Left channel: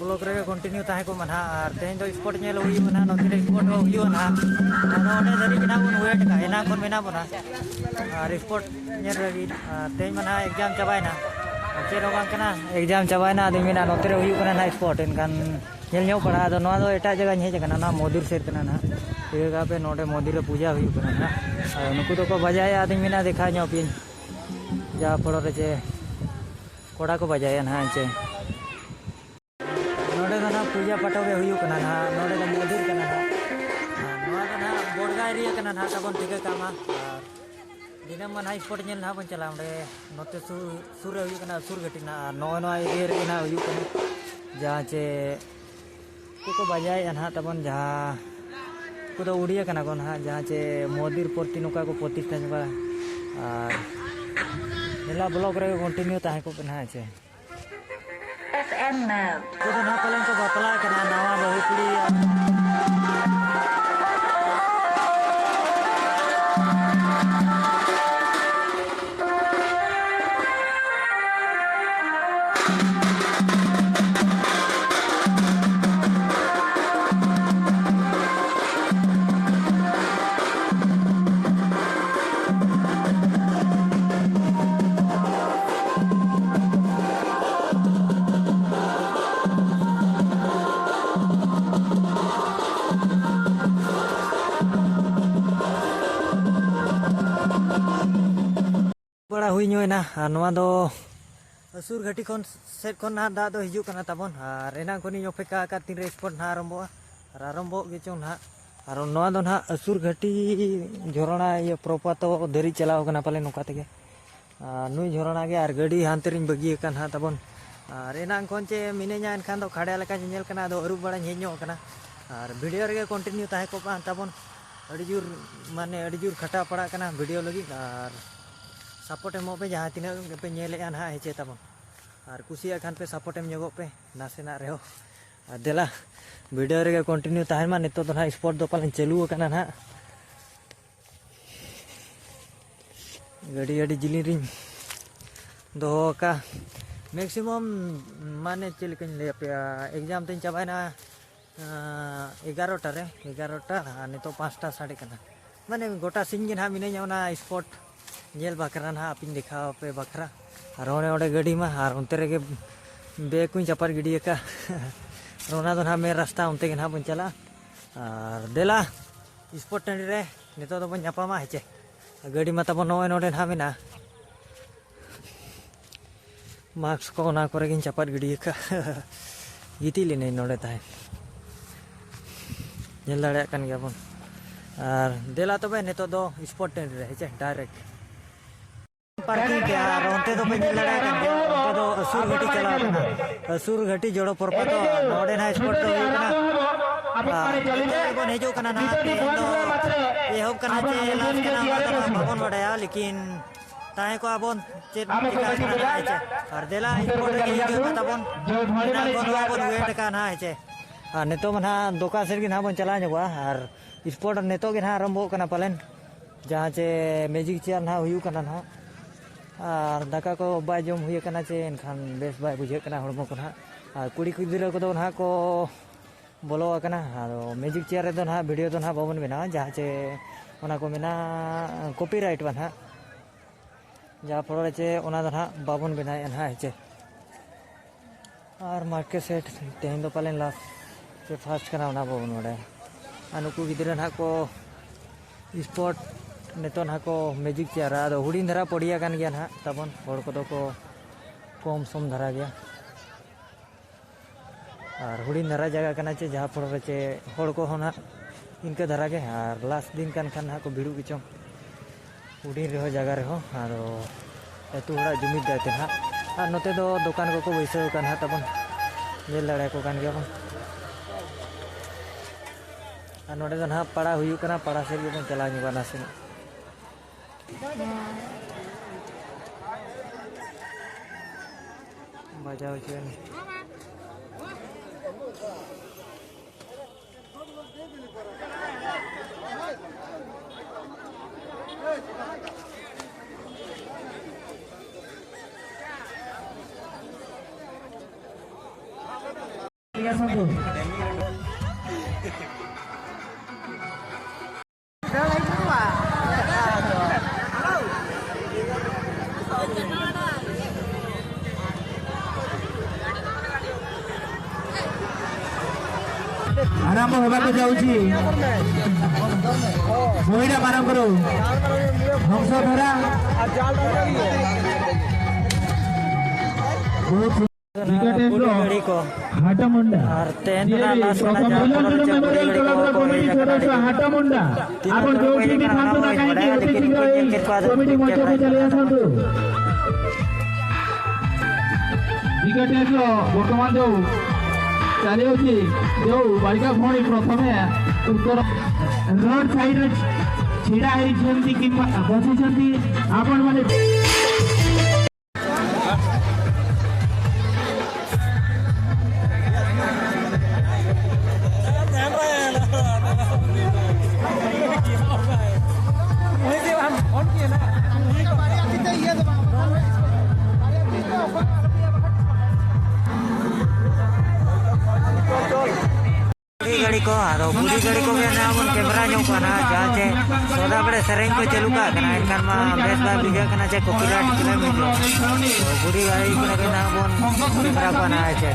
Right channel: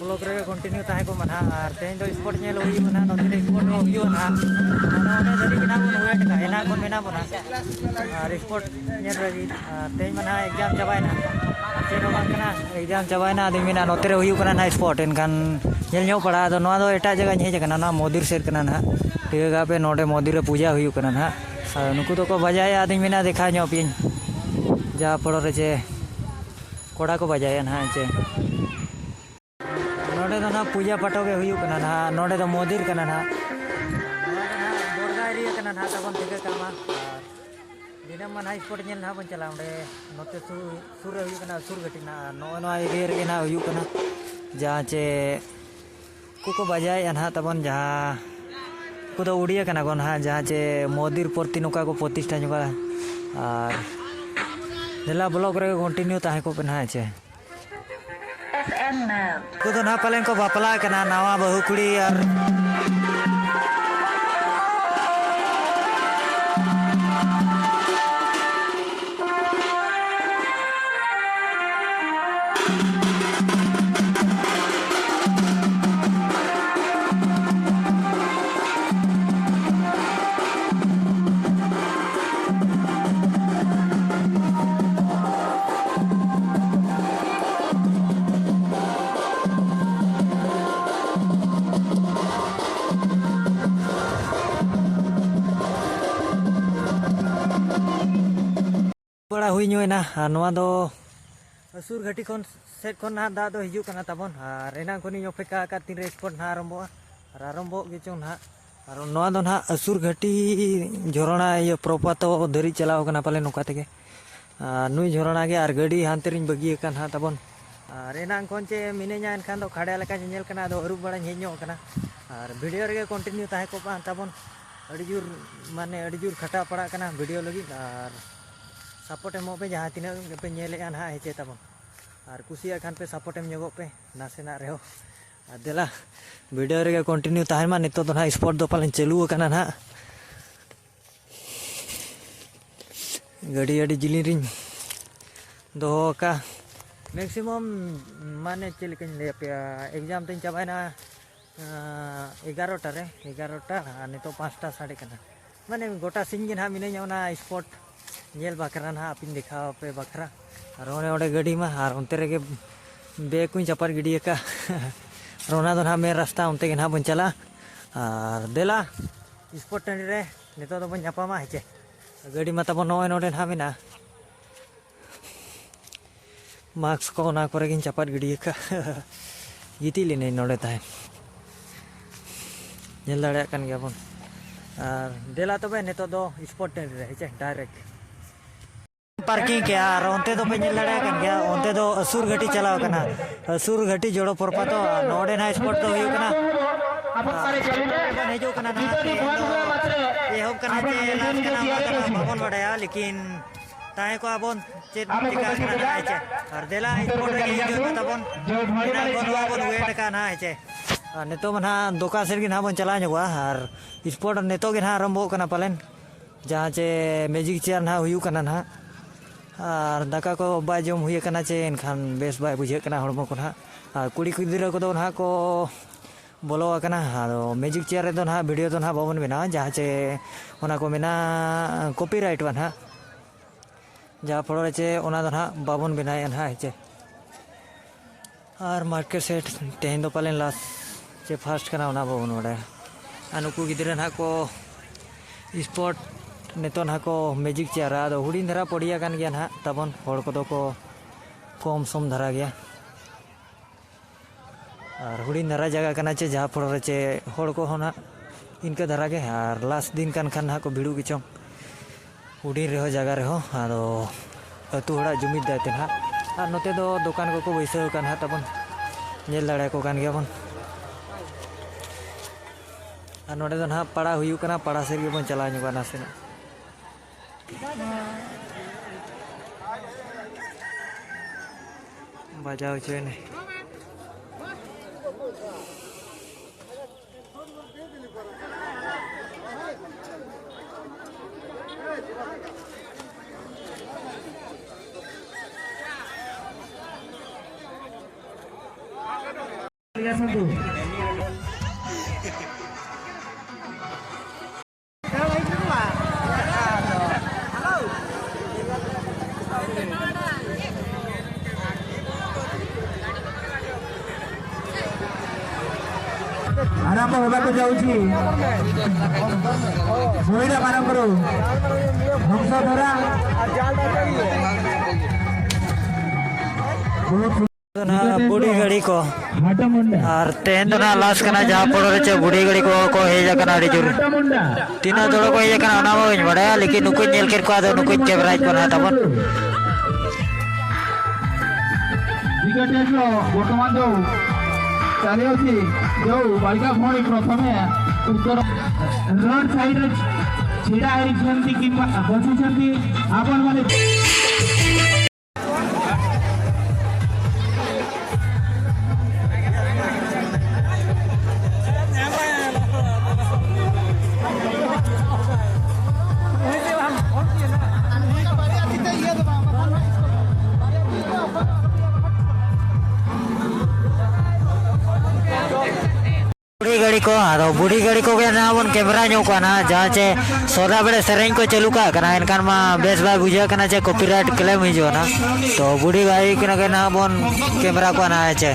blog रे continue ताहे को मना और तेन दो स्पोर्ट नेल हुई ना नोते स्पोर्ट हुई ना आदो ओने धरी बिना बन वेट का एना कोन मेना बना और स्पोर्ट नेल रगी तेन मना एग्जाम चबायना चेरो बांग कना एग्जाम चबायना आदि मेना नोते रे हुई कना ना स्पोर्ट एनकान नेल नो पड़ा आदो नो एटा जगह हेज कना ना मोदिर सेर कना ना तेगा पे नोडे मोदिर रे पूजा हुई कना ना नुकु तो को बजाय आदि मेना देखा नो पिन जा पड़ो रे चे कोड़ा को बजाय ना चे नोडे ना पूजा पाठो के हुई कना ना नोडे तो मोदिर कना ना नोडे ना बोर्डगा एरिया कना ना तबन ठीक कामा और दिनम मन स्पोर्ट नेल ना बन चला ओंडे नोते सुर हुई कना सुर घटी ना नो एरिया रे ना हुई कना जहाँ चे को बजाय ना तबन जहाँ को तो उड़िया कना को ना जहाँ चे मोदिर प्रति नुका को प्रतिष्ठा नुका और नेला ब्लॉग रे कंटिन्यू ताहे को पना चे कुछ ना पलें को बापला कना नवा बहु कुड़ी और बड़ा हुई ना नवा दो असुर घाटी खन सेट खन ना दा दो हिजु कना तबन और एना कोनी अपेक्षा का तीन स्पोर्ट ना आरंभ गे चो ना और नवा दो ना असुर घाटी झोरणा ये प्रपात धरी चलाव कना पाले नोका तेगे नुई झोरणा गे और गाड़ी हानते रिन बगी कन हा तबन और एना कोन चे मिनेजा एनखान दो खाड़े लका नेल कना दो अरुब बड़ा हेजो कना और वीडियो रे कंटिन्यू ताहे को पा तबन अड़ी जुर माने अड़ी जुर खटा पड़ा कना वीडियो लगी और सपोर्ट एमो पे जहाँ तीना पे नेले ना हेचे तबन और कुसिया खान पे सपोर्ट एम जोगो पे नासेना रहो देला वीडियो रे कंटिन्यू ताहे मा नितो तो ना स्पोर्ट दो पालन चालू कना ना गाड़ी अड़ी जिली रिन दो का मैक्सिमम माने चिलकिन ले पे एग्जाम तीन चाबायना 11टा रे 11टा नितो 5टा साढ़े कना माने गोटा सिंह ना मिने ना स्पोर्ट नेल बकरा ना अपिन देखा पे बकरा रोने ओडे गाड़ी में और उनते रे बेग को चपार गिडी का रोना दो ना मेरे रास्ता उनते के ना बन चला और देला स्पोर्ट टंडी रे नितो तो बन जापा मा हेचे गाड़ी में तब नोए नोडे ना मेना मार्क्स को ना करे गिन चपार गिडी का गिती लेने नोडे ताहे नेल दाड़े कन गया बन और देला तो बे नितो दो स्पोर्ट टंडी रे हेचे डायरेक्ट पार्किंग के और उनते तो पे लड़ा कर गया उनते तो असुर घाटी चलाव कना असुर घाटी जोड़ो परपातो नोडे ना स्पोर्ट तो हुई कना बन हेजो कना ना ते तो एहो कना जे लास कना ओना कना बाबन बड़ाया लेकिन ताहे को आबन चेत टिका कना ना हेचे और देला स्पोर्ट रे हिजो तबन एना को नवा बन वेट का ना हेचे नितो मना दोका सेर गिन बन चला जगवा और स्पोर्ट नितो गिन आरंभ कना पालन जहाँ चे मैजिक चेयर ना हुई कना ना और दाका को बाय जम हुई कना चे एनखान बेस बाय बुझे कना हड़मो को ना कुड़ी गिद्रा को ना को बोलो कना आदो मैजिक चेयर रे दो ना वीडियो तो ना बाबन बना जहाँ चे ओना को मेना कॉपीराइट बना जहाँ फड़ो चे ओना दो ना बाबन बनाए ना चे और मार्केट सेट तेहन दो पालन लास्ट चे फास्ट कना ओना बाबन बड़ा अनुकु गिद्रा ना को स्पोर्ट नितो ना को मैजिक चेयर आदो हुडी धरा पड़िया कान गया ना तबन होड़ को को कम सम धरा गया और हुडी धरा जगह कना चे जहाँ फड़ चे होड़ को होना इनका धरा गया और लास्ट दिन कान खान ना को भिड़ू किचों हुडी रहो जगह रहो आदो अतु हड़ा जुमिद दायते ना और नोते दो दुकान को बैसाव कान हा तबन नेल दाड़ा को कान गया बन और नोडे दो ना पड़ा हुयु कना पड़ा से बन चला नुगा नासेना बजाव चेने आराम होगा जाऊँगी मुईटा आराम करो धरा बुढ़ी गाड़ी को और तेन ना लास्ट करना जहाँ पर रचे बुढ़ी गाड़ी को हे जाकर आड़ी जुर तीनों जोड़ों को हे जाकर आना वो बड़ा लेकिन नुकुन नेल कर को आधा नुकुन कैमराइज बना था बन विकेट है जो वर्तमान जो चले होती जो बालिका भौणी प्रथमे उत्तर रोड साइड छिड़ा है जंती कि बसु जंती आपन माने बुढ़ी गाड़ी को ना बन कैमरा नो ना जहाँ चे सोदा बड़े सरें को चलू का करना इनकान मा बेस बार बुझा करना चे कॉपीराइट क्लेम ही जो ना तो बुढ़ी गाड़ी के ना बन कैमरा को ना है चे